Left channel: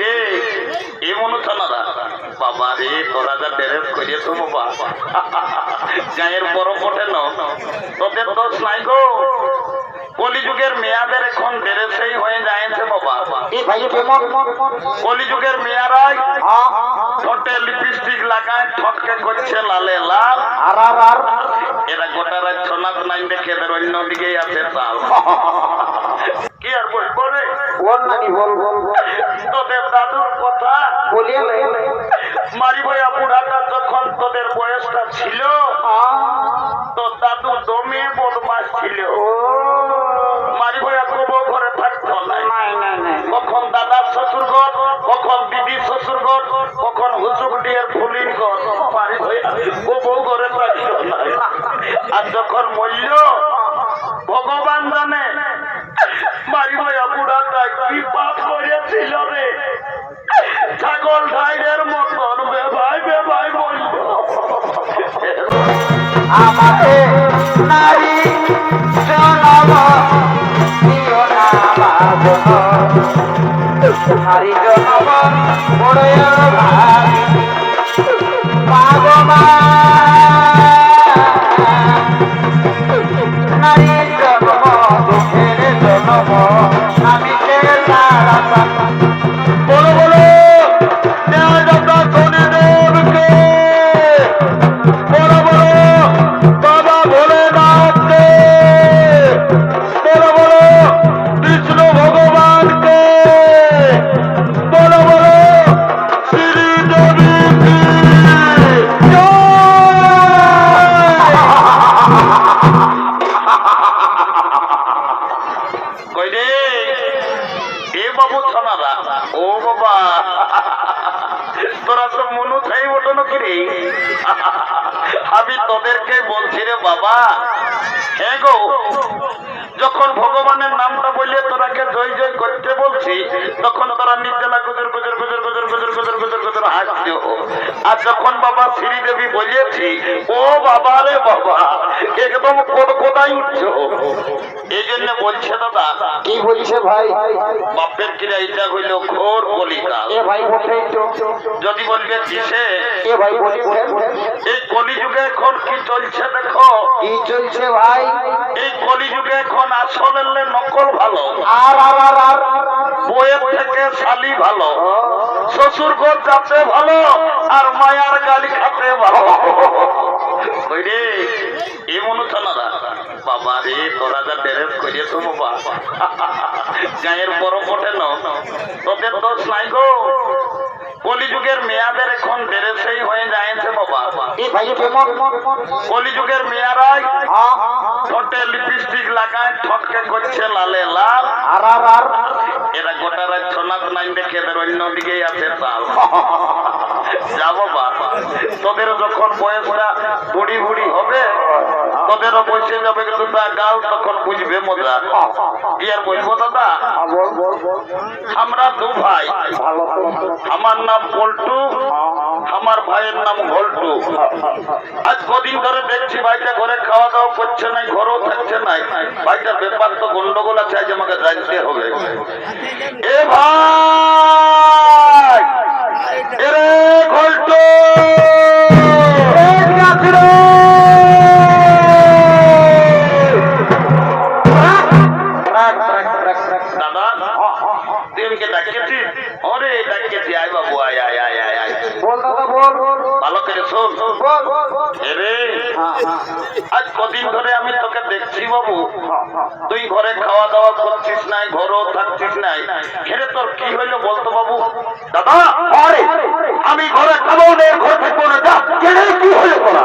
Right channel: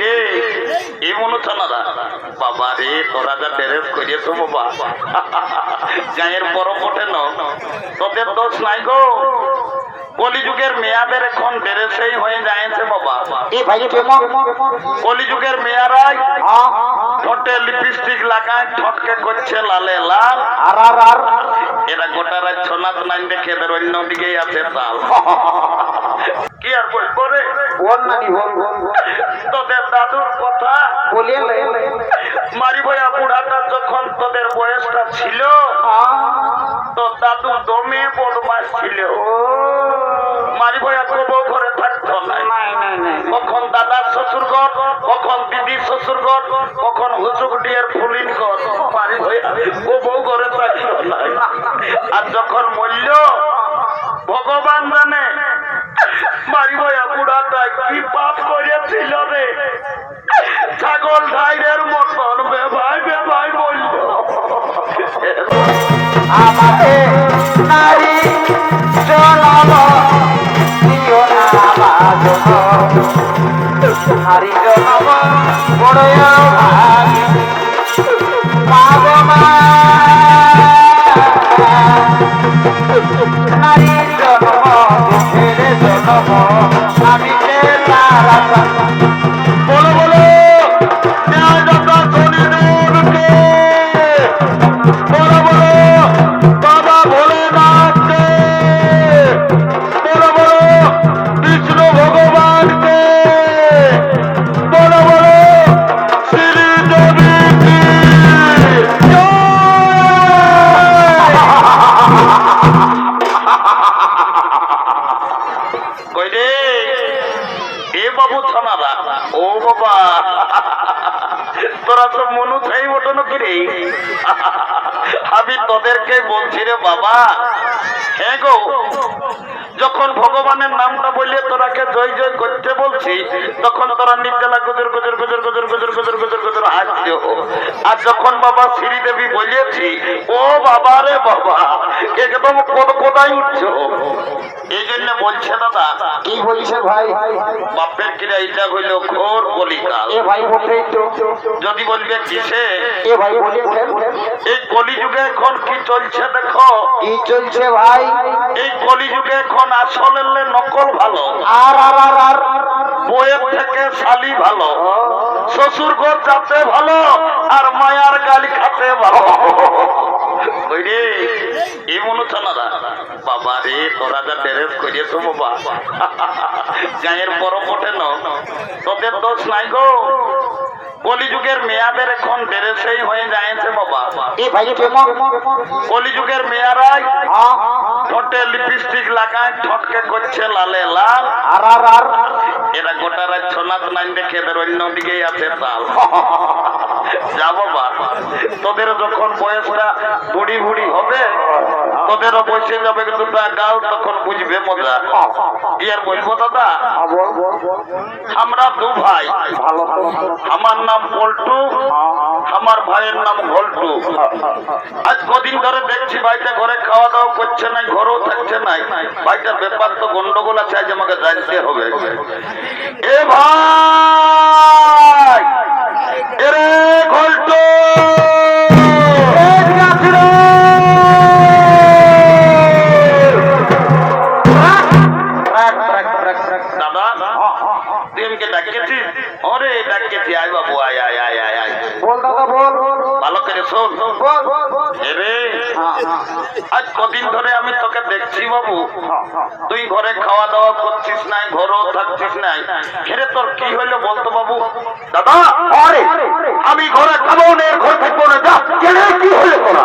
রে এ মনে বাবা রে তোরা যা ড্রেস করিয়েছো বাবা। গায়ের পরম ওঠে না। তোদের দোষ নাই গো। কলিযুগের মেয়াদের এখন ড্রেসেই হয়ে যায়ছে বাবা। ভাই কলিযুগের মেয়ারাই ঠোঁটে লিপস্টিক লাগায় ঠটকে করছে লালে লাল। আর আর আর। এরা গোটা রাত সোনাত নাই দেখে এদের অন্য দিকেই আছে তাল। নানি বল। বল তোদের দাদুর কথা বলিয়ে মারি ভয়া বুড়াটা যখন তোদের বয়সটা ছিল তো দাদু দমে বদমাস ছিল। মারি ভয়া কবো ঘরে থাকতো না। কখন দাদার শ্বশুর ঘর কখন দিদির শ্বশুর ঘর কখন হুচুকুটিয়ার ফুলির ঘর। ও বউ ঘরে থাকতো না। আর যখন মরল ভগবান জানে বাড়ি হইয়া বুড়া তাই কি পাপ করেছিল রে ছাগল ধাইরের মতন বে ভাই বে ভাই নারী জনাব বড় ball. তোদেরকে বলছি রে বাবা। হ্যাঁ গো। যখন ভগবানের নামটা বললে তোরাকে জয় জয় করতে বলছি তখন তোরা নির্জলা গুজর গুজর গুজর গুজর গুজর গুজর গুজর গুজর হাসছে আর যখন বাবা শ্রীদেবী বলেছি ও বাবা রে বাবা একদম কোথায় উঠছো? এই জন্য বলছে দাদা কি বলছে ভাই? বাপের কিরা এটা হইল ঘোর কলিকা এ ভাই একটু। যদি বলবে কিসে? এ ভাই বলে এই কলিযুগে এখন কি চলছে দেখো? কি চলছে ভাই? এই কলিযুগে এখন নকল ভালো। আর আর আর আর। বইয়ের থেকে শালি ভালো। শ্বশুর ঘর যাতে ভালো আর মায়ার গালি খাতে ভালো। ওই রে এই মনে হচ্ছে না বাবা রে তোরা যা করিয়েছো বাবা। গায়ের না। তোদের দোষ নাই গো। কলিযুগের মেয়াদের এখন ড্রেসেই হয়ে যায়ছে বাবা। কলিযুগের মেয়ারাই ঠোঁটে লিপস্টিক লাগায় ঠটকে করছে লালে লাল। আর আর আর এরা গোটা রাত সোনাত নাই দেখে এদের অন্য দিকেই আছে তাল। যা বাবা তোদের যখন বয়সরা বুড়ি বুড়ি হবে তোদেরও বসে যাবে দুটা গাল তখন বুঝবে মজা। আর বলব দাদা? বল আমরা দু ভাই। আমার নাম পল্টু। আমার ভাইয়ের নাম ঘল্টু আজ কদিন ধরে দেখছি ভাইটা ঘরে খাওয়া দাওয়া করছে না ঘরও থাকছে না ভাইটার ব্যাপার তো গন্ডগোল আছে, আজ আমাকে জানতে হবে। এ ভাই! এরে ঘল্টু তুই ঘরে খাওয়া দাওয়া করছিস নাই, ঘরও থাকছিস নাই। ফেরে তোর কি হইল বলতো বাবু? দাদা আমি ঘরে খাব না, ঘর থাকব না, যা কি হলে তোরা?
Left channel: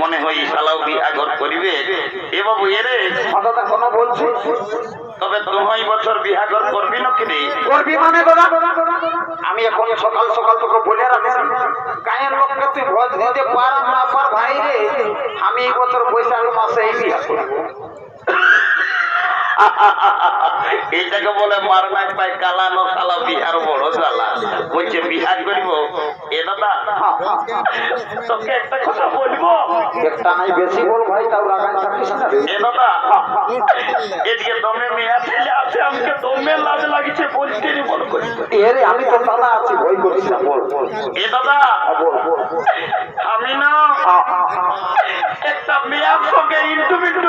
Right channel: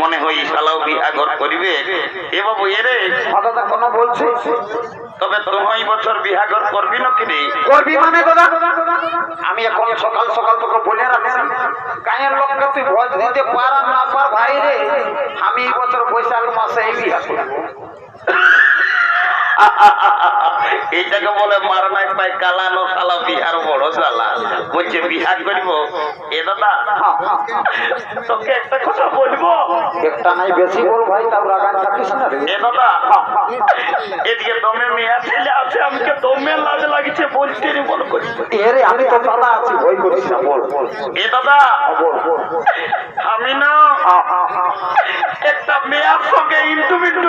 মনে হয় শালাও বিহা ঘর করিবে। এ বাবু এরে দাদা কোন বলছো? তবে তুমি বছর বিয়া ঘর করবি না কিনে? করবি মানে দাদা? আমি এখন সকাল সকাল তোকে বলে রাখছি। গায়ের লোককে তুই ভয় দিতে পার না পার ভাই রে। আমি এই বছর বৈশাখ মাসে এই বিয়া করব এইটাকে বলে মার নাই পাই কালানো শালা বিহার বড় শালা বলছে বিহার করিব? এ দাদা তোকে একটা কথা বলব? একটা নাই বেশি বল ভাই তাও রাগান থাকিস না এ দাদা এদিকে দমে মেয়া ছেলে আছে আমাকে দমে লাজ লাগিছে বলতে রে বল করি। এ রে আমি তো দাদা আছি ভয় করিস না বল। এ দাদা আমি না? একটা মেয়ার সঙ্গে ইন্টুমিন্টু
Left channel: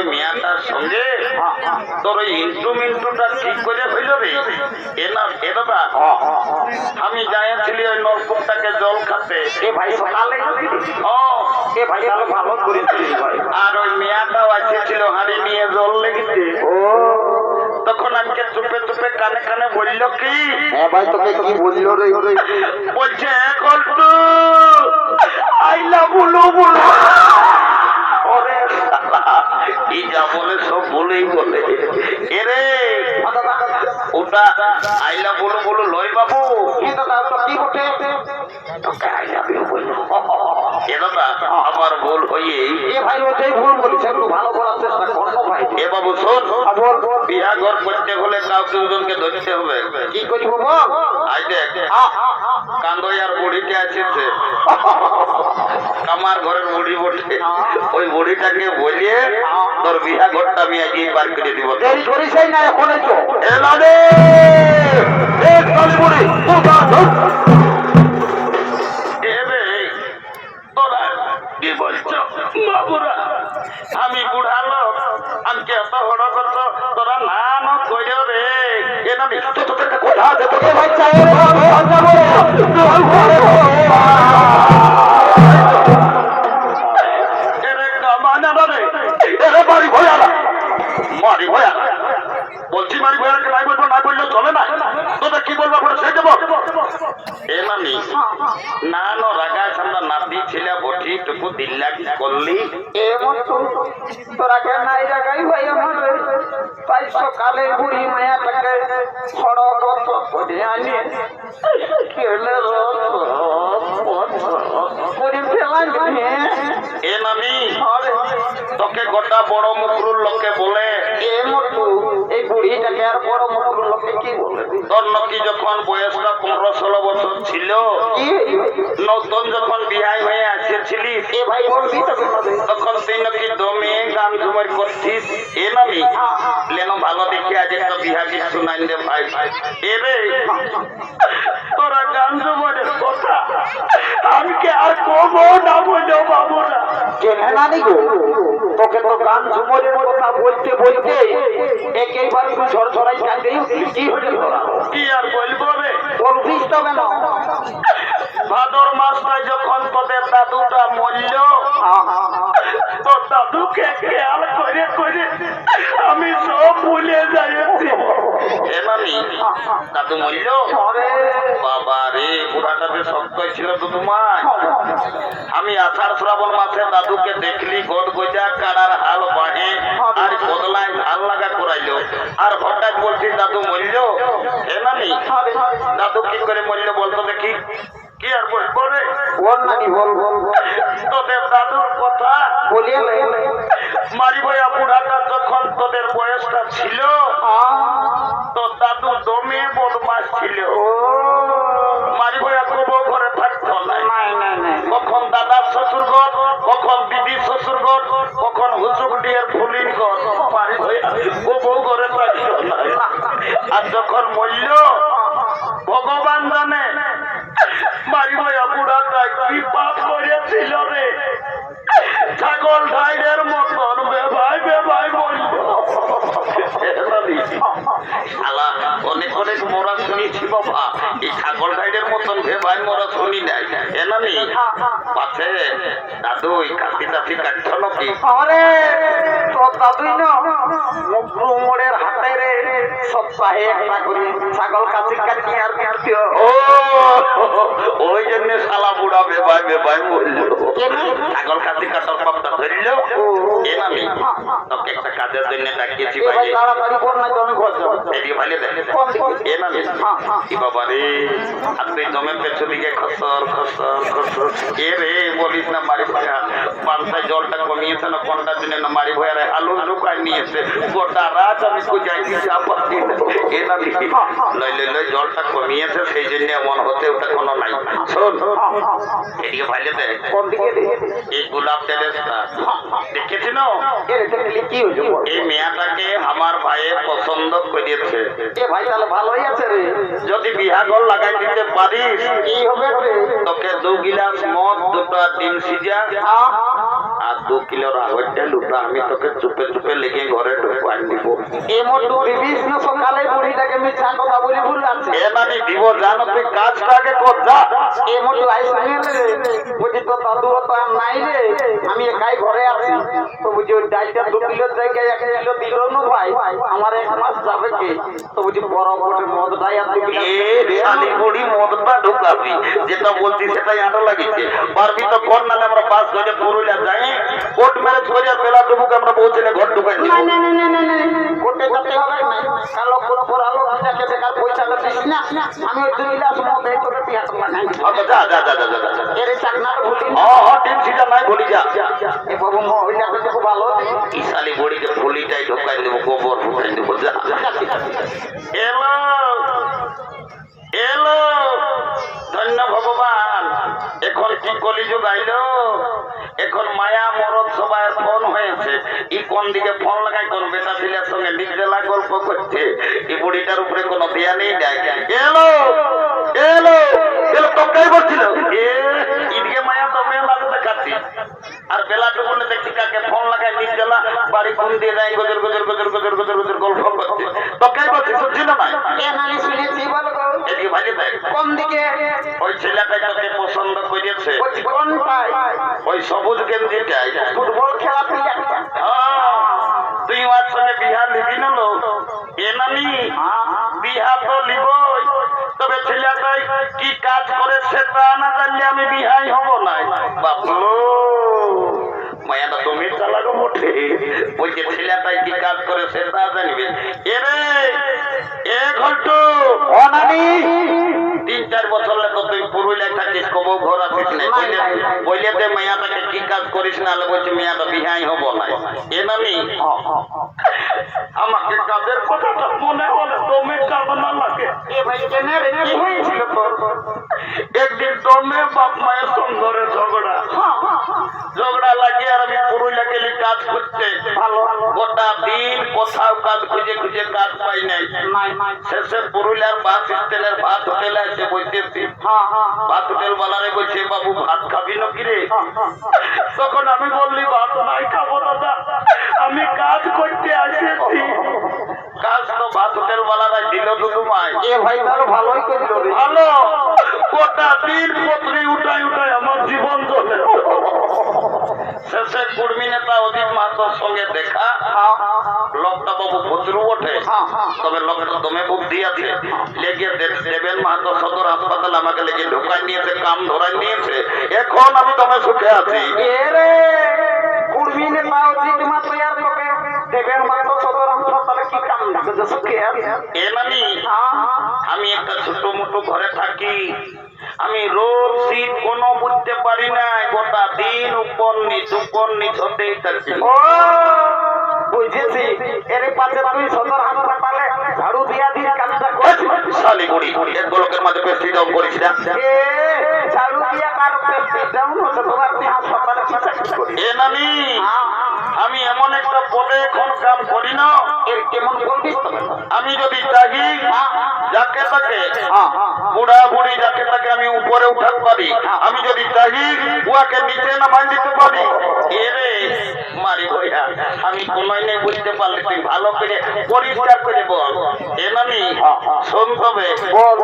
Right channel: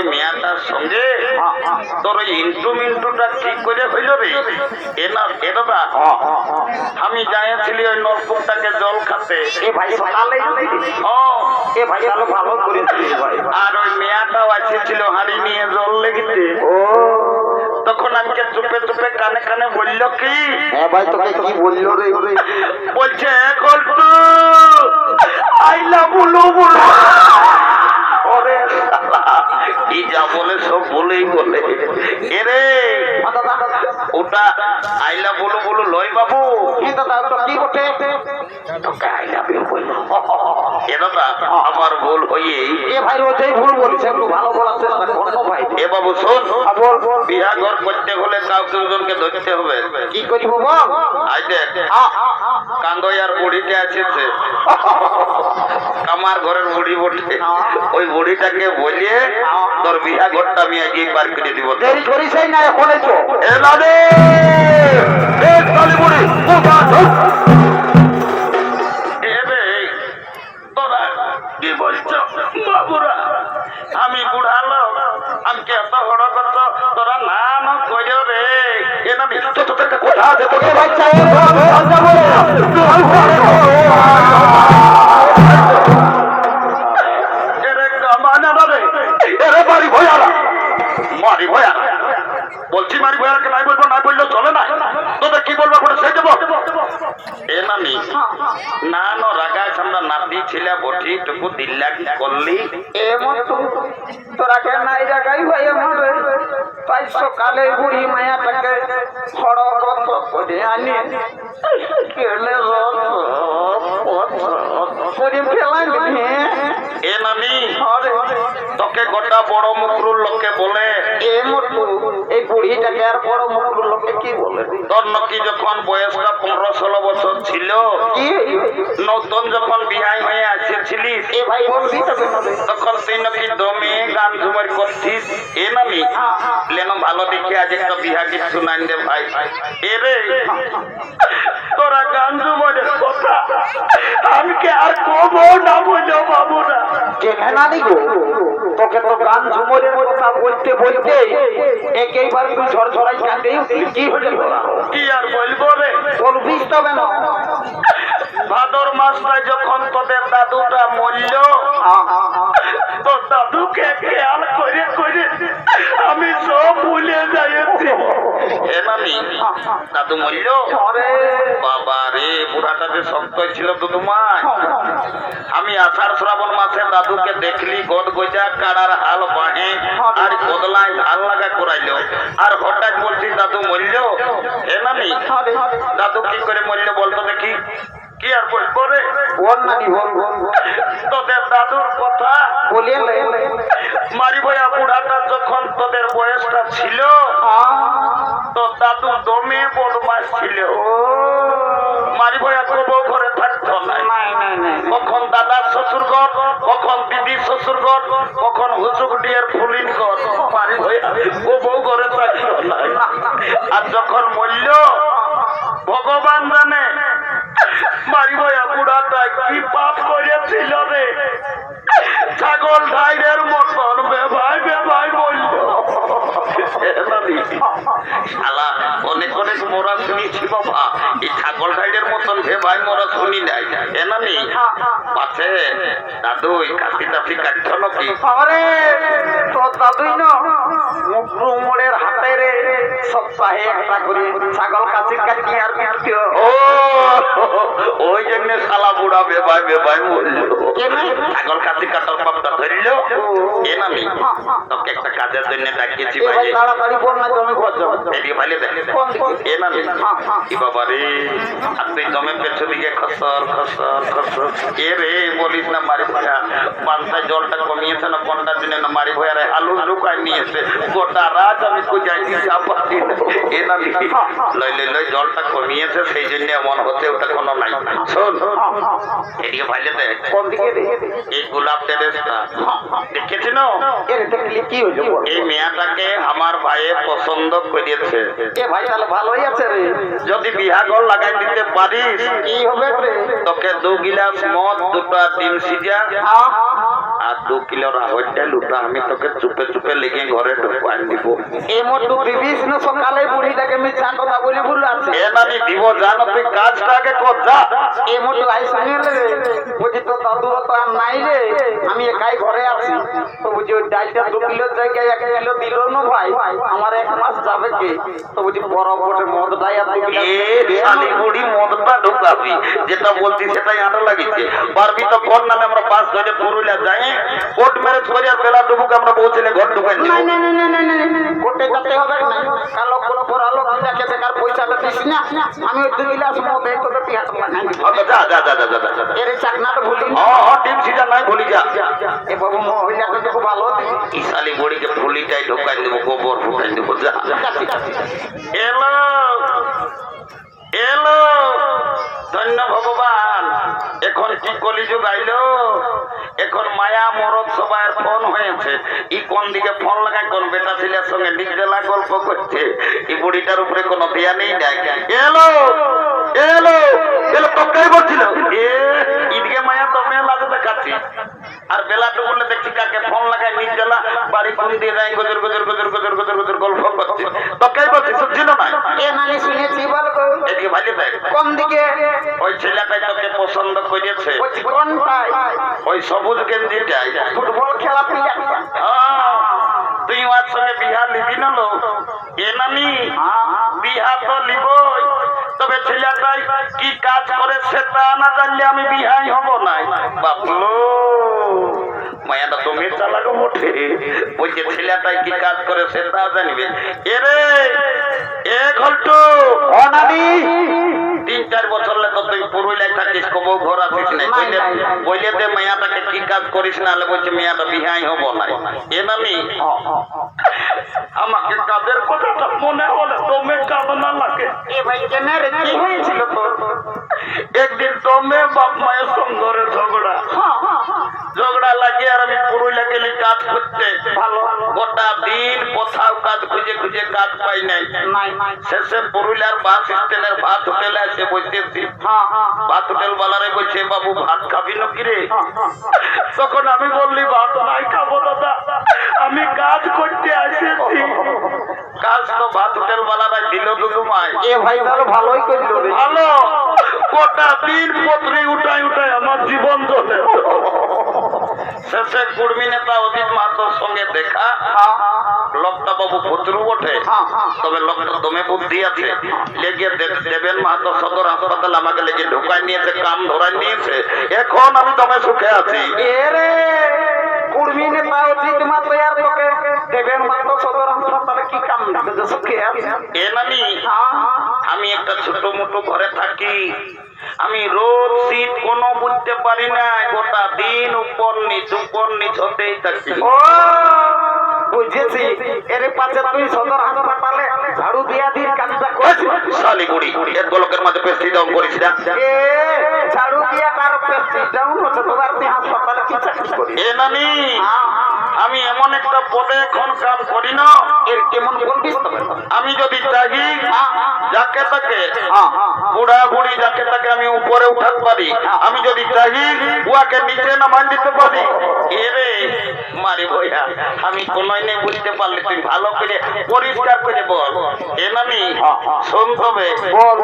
ওই মেয়াটার সঙ্গে? তোর ওই ঠিক করে হইল রে? এ আমি যাইছিলি ওই নলকূপটাকে জল খাতে। এ ভাই ও এ ভাই তাহলে ভালো করেছিস ভাই। আর ওই মেয়াটাও আসেছিল হাড়ি নিয়ে জল লেগেছে। ও। তখন আমাকে চুপে চুপে কানে কানে বলল কি? হ্যাঁ ভাই তোকে কি বলল রে। বলছে কল্টু আইলা বুলু বুলু এই যা বলে সব বলেই বলে। এরে ওটা আইলা বলো বলো লয় বাবু। কি বটে আইলা এ দাদা আমার ভুল হয়ে এ ভাই ওটাই ভুল বলিস একটু ভালো বলার চেষ্টা কর না ভাই। এ বাবু শোন। আ, বল বল। বিয়া ঘর করতে হলে কাউকে দুজনকে ধরতে হবে। কি করিব দেখ। আমার ঘরের বুড়ি বটে। ওই বুড়িটাকে বলে তোর বিয়া ঘরটা আমি আজকেই পার করে দিব। দেরি করিস না বুড়ি, বলছি মারি ভয়াকে নাই বলব না বললে চলে না। তোদের কি বলব এ নামি না নো রাগায় আমরা নাতি ছিলা বটি টুকু দিল্লা কি করলি। এ মতো তোরা কে নাই জায়গায় ভাই আমার তাই সকালে বুড়ি মায়াটাকে খড় কত করে আনি। কেলে রস করে ফেলাইল এ নামি তোকে গোটা বড় মুখরুর লোককে বলে এই বুড়িটাকে আর বড় লোকে কি বলে তোর নাকি যখন বয়সটা পনেরো ষোলো বছর ছিল নতুন যখন বিহাই হয়ে আসেছিলিস এ ভাই? তখন তুই নাকি দমে গান ঝুমার করছিস? এ নামি লেনো ভালো দেখে আজ একটা বিহা ভাই। তোরা গান ঝুমারের কথা আর কবো না বলো বাবুরা কেনে না দিগো তোকে তো গান ঝুমরের কথা বলতে বলতে একেবারে তুই ঝড় ঝড়াই কি হলি কি আর বলব রে? বলবিস তো কেন? ভাদর মাসটায় যখন তোদের দাদুটা মরল তো দাদুকে খেয়াল করে করে আমি সব ভুলে যাইছি মামি দাদু মরল? বাবা রে বুড়াটা যে শক্ত ছিল তো তোমার। আমি আষাঢ় শ্রাবণ মাসে দাদুকে দেখলি গোদ গোজা কাড়ার হাল বাঁধে আর বদলায় হাল লাগা করাইলো। আর হঠাৎ বলছি দাদু মরিল? বল নানি বল বল বল। তোদের দাদুর কথা বলিয়ে লে মারি ভাইয়া বুড়াটা যখন তোদের বয়সটা ছিল তো দাদু দমে বদমাস ছিল। মারি ভাইয়া কবো ঘরে থাকতো না। কখন দাদার শ্বশুর ঘর কখন দিদির শ্বশুর ঘর কখন হুচুক ডিয়ের ফুলির ঘর মারি ভাইয়া কবো ঘরে থাকতো না। আর যখন মরল ভগবান জানে মারি ভাইয়া বুড়াটা কি পাপ করেছিল রে ছাগল ঢাইরের মতন বেভাই বেভাই বলল শালা অনেক অনেক মোরা শুনেছি বাবা এই ছাগল সাইডের মতন ভে ভাই মোরা শুনি নাই এ নানি দাদু কাশি টাশি কাটছ নাকি? আরে তো দাদুই না মুগরু মোড়ের হাতে রে। সপ্তাহে একটা করে ছাগল কাছে কাটি আর ও ওই জন্য শালা বুড়া বেবাই বেবাই বলল ছাগল কাশি কাটার সপ্তাহ ধরিল। এ নানি তোকে একটা কাজের জন্য ডাকিয়েছি ভাই তাড়াতাড়ি কর না তো আমি ঘর যাব। এদিকে এ না বাবা রে জমের পেছন দিকে খসর খসর খসর। এ রে বলিস না মারি ভয়া। পান্তায় জলটা কমিয়েছে না কোনটা দিনে না মারি ভয়া রে আলু লুকাই নিয়েছে। গোটা রাত আমি আপত্তি নেই। এ না লই জলটা কমিয়েছে সেই জন্য এমন হতে ওটা কোনো নাই। শোন এদিকে ভাইলে? এই গোলাপ তেলের দেখেছি না? এই মেয়াটাকে আমার ভাইয়ের পছন্দ করেছে এ ভাই তাহলে ভালোই আছে রে। যদি বিহাগর লাগাই দিতে পারিস কি হবে তোকে দু গিলাস মদ দুটা ডিম সিজা। হ্যাঁ? আর দু কিলো লুটা আমি তোকে চুপে চুপে ঘরে না সকালে বুড়িটাকে মিছা কথা বলে ভুল আছে। এ মানে দিব জানো তুই কাজটাকে কর যা। শুনে রে বুঝি তো দাদু তো আর নাই রে আমি একাই ঘরে আছি। তো বুঝি ওই ডাইটা দু কিলোর জায়গায় এক কিলো দিল না ভাই আমার এক মাস যাবে কি তো বুঝি বড় বড় মদ দাই আর দু কিলো এ শালি বুড়ি মদটা ঢুকাবি। যেটা বলছি সেটাই আটো লাগিছে। পারবি তো কোন নামে আমরা বাস ধরে পুরুলিয়া যাই। কোর্ট মেরে ছড়িয়া বেলা ডুবুক আমরা পৌঁছলে ঘর ঢুকাই দিব। না না না না না কোটে কাটে হবে না। কালো কোট পর আলো ভাঙা বেকার পয়সা না আমি ওই তোকে লাগাই আচ্ছা যা যা যা যা যা যা, যা। এর চাকনাটা ভুলি। ডিম সিজা নাই ভুলি যা। এ বাবু মহিলাকে তো খুব ভালো এই শালি বুড়িকে ফুলিটাই ঢোকাই দেবো গোবর ঢোকাই দেবো যা। এলো এলো ধন্য ভগবান কি কলিযুগ আইলো। এখন মায়া মরদ সবাই ফোন হয়েছে। ই কোন দিকে ফোন লাগাই কোন বেটা ছেলের সঙ্গে নির্জলা গল্প করছে? এই বুড়িটার উপরে কোনো দেয়া নেই দেয় এলো! এলো! মায়া তো মেয়ে লাগে দেখাচ্ছি। আর বেলা টুকুনে দেখছি কাকে ফোন নির্জলা বাড়ি কোন দিয়ে যায় গজর গজর গজর গজর গজর গজর গল্প করছে। শুনছিল না? এ মানে শুনেছি বলো এদিকে দেখ। কোন দিকে? ওই পছন্দ করেছে ওই সবুজ গেঞ্জিটাই ফুটবল খেলা আহ, তুই ওর সঙ্গে বিহার লিবি না লো এ নানি বিহার তো লিবই তবে ছেলেটাই কি কাজ করে সেটা না জানলে আমি বিহাই হব না বাবলো মায়াটা তুমি চালাগো মোটে ওই যে ছেলেটাই কি কাজ করে সেটা জানিবে? এরে এ ঘন্টু। চার বছর তো তুই পুরুলিয়ায় থাকিস কবু ঘর আসিস নাই। বইলে দে মেয়াটাকে কি কাজ করিস না হলে বলছি মেয়াটা বিহাই হব না এ নামি? আমাকে কাজের কথাটা মনে হলে দমে কাঁদনা লাগে। এ ভাই কেনে রে কি হয়েছিল তোর? একদিন দমে বাপ মায়ের সঙ্গে ঝগড়া। ঝগড়া লাগিয়ে আর আমি পুরুলিয়া গেলি কাজ করতে। ভালো। গোটা দিন কোথাও কাজ খুঁজে খুঁজে কাজ পাই নাই। শেষে পুরুলিয়ার বাস স্ট্যান্ডের ভাত হোটেলে এসে হ্যাঁ হ্যাঁ ভাত হোটেল বালারে বলছে বাবু ভাত খাবি না কি রে তখন আমি বললি ভাত নাই খাব দাদা। আমি কাজ করতে আসেছি। কাজ তো ভাত হোটেল বালারা দিল দুদু মায় এ ভাই ভালোই করল ভালো। গোটা দিন পত্রে উঠাই উঠাই আমার জীবন চলে শেষে কুর্মী নেতা অজিত মাহাতোর সঙ্গে দেখা। হ্যাঁ বাবু ভদ্রু তবে বুদ্ধি আছে। লেগে দেবেন মাহাতো সদর হাসপাতাল আমাকে লেগে নিয়েছে, কাম নিয়েছে। এখন আমি সুখে আছি। এ রে কুড়মি নে পাও ঠিক মা তৈয়ার তোকে দেবেন মা আমি একটা ছোট মোটো ঘরে থাকি। আমি রোদ শীত কোনো বুঝতে পারি না গোটা দিন উপর নিচ উপর নিচ হতেই থাকি। বুঝেছি। এর পাশে তুই সদর ঝাড়ু দিয়া দিয়ে কাজটা শালি বুড়ি এক গোলকের মাঝে পেস্টি দাম করিস না। ঝাড়ু দিয়া কার পেস্টি হচ্ছে তোর এ নানি হ্যাঁ আমি এমন একটা পদে এখন কাম করি না আমি যদি চাহি যাকে তাকে হ্যাঁ বুড়া বুড়ি যাকে তাকে আমি উপরে উঠাতে পারি আমি যদি চাহি উহাকে নিচে নামান দিতে পারি এরে মারি ভইয়া আমি কোনোই নেই বুঝতে পারলি তুই ভালো করে পরিষ্কার করে বল এ নামি শোন তবে বল।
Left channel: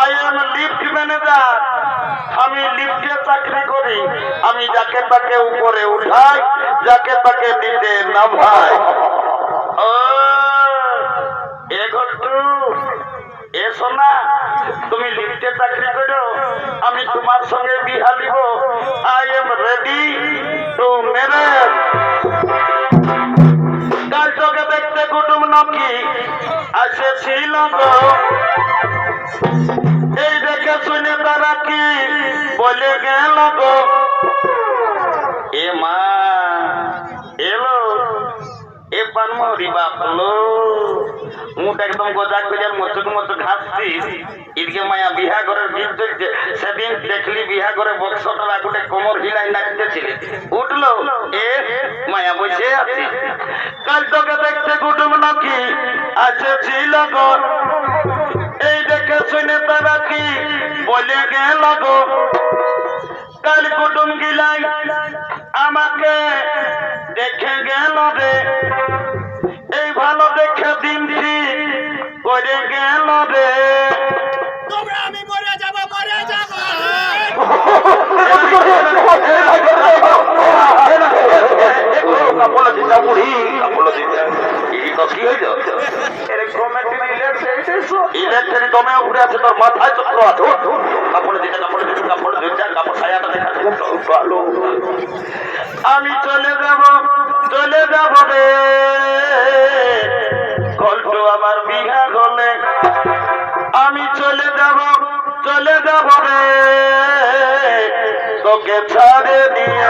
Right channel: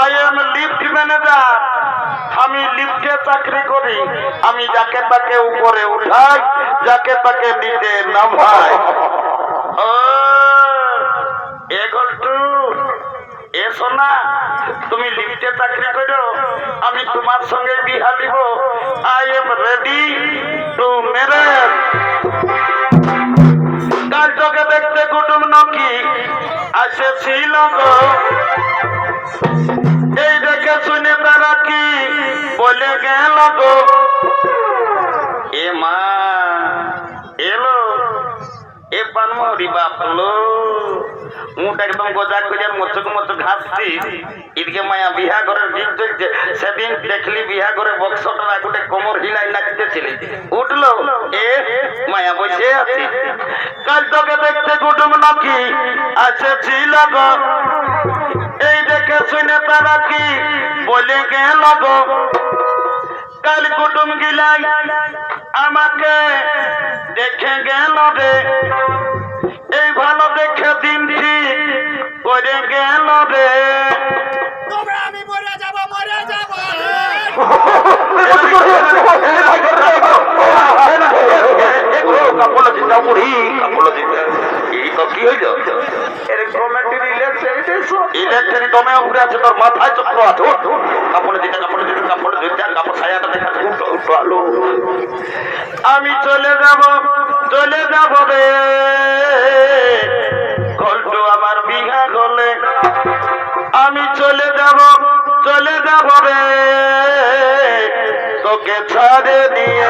I am lift manager. আমি লিফটে চাকরি করি আমি যাকে তাকে উপরে উঠাই যাকে তাকে নিচে নামাই এ সোনা তুমি লিফটে চাকরি করো আমি তোমার সঙ্গে বিহা দিব। I am ready to marriage তোকে দেখতে কুটুম নাকি আসে ছিল গো। বলে গেল গো। এ মা, এলো। এ পানমরি বাপলো মুখ একদম গোজা করে মচুক মচুক হাসছি। এদিকে মায়া বিহা ঘরের ভিড় চলছে সেদিন দেখলি বিহা ঘরে বক্সটা গোটে কোমর হিলাই নাচতেছিলে। উঠল, এ মায়া বসে আছি। কাল তোকে দেখতে কুটুম নাকি? আছে ছিল গো। এই দেখে শুনে তারা কি বলে গেল গো? কাল কুটুম গিলাই আমাকে দেখে গেল রে। এই ভালো দেখে দিনটি করে গেল রে। তোমরা আমি মরে যাব মরে যাব। রে ইলেকট্রিক দমে উঠে আছে তোর মাথায় চক্র আছে। কাপড়ে দিতে কাপড়ে দিতে কাপড়ে আর কাপড় ছায়াটা আমি চলে যাব চলে যাব রে। কল্টু আমার বিঘা গলে। আমি চলে যাব চলে যাব রে। তোকে ছাড়ে দিয়ে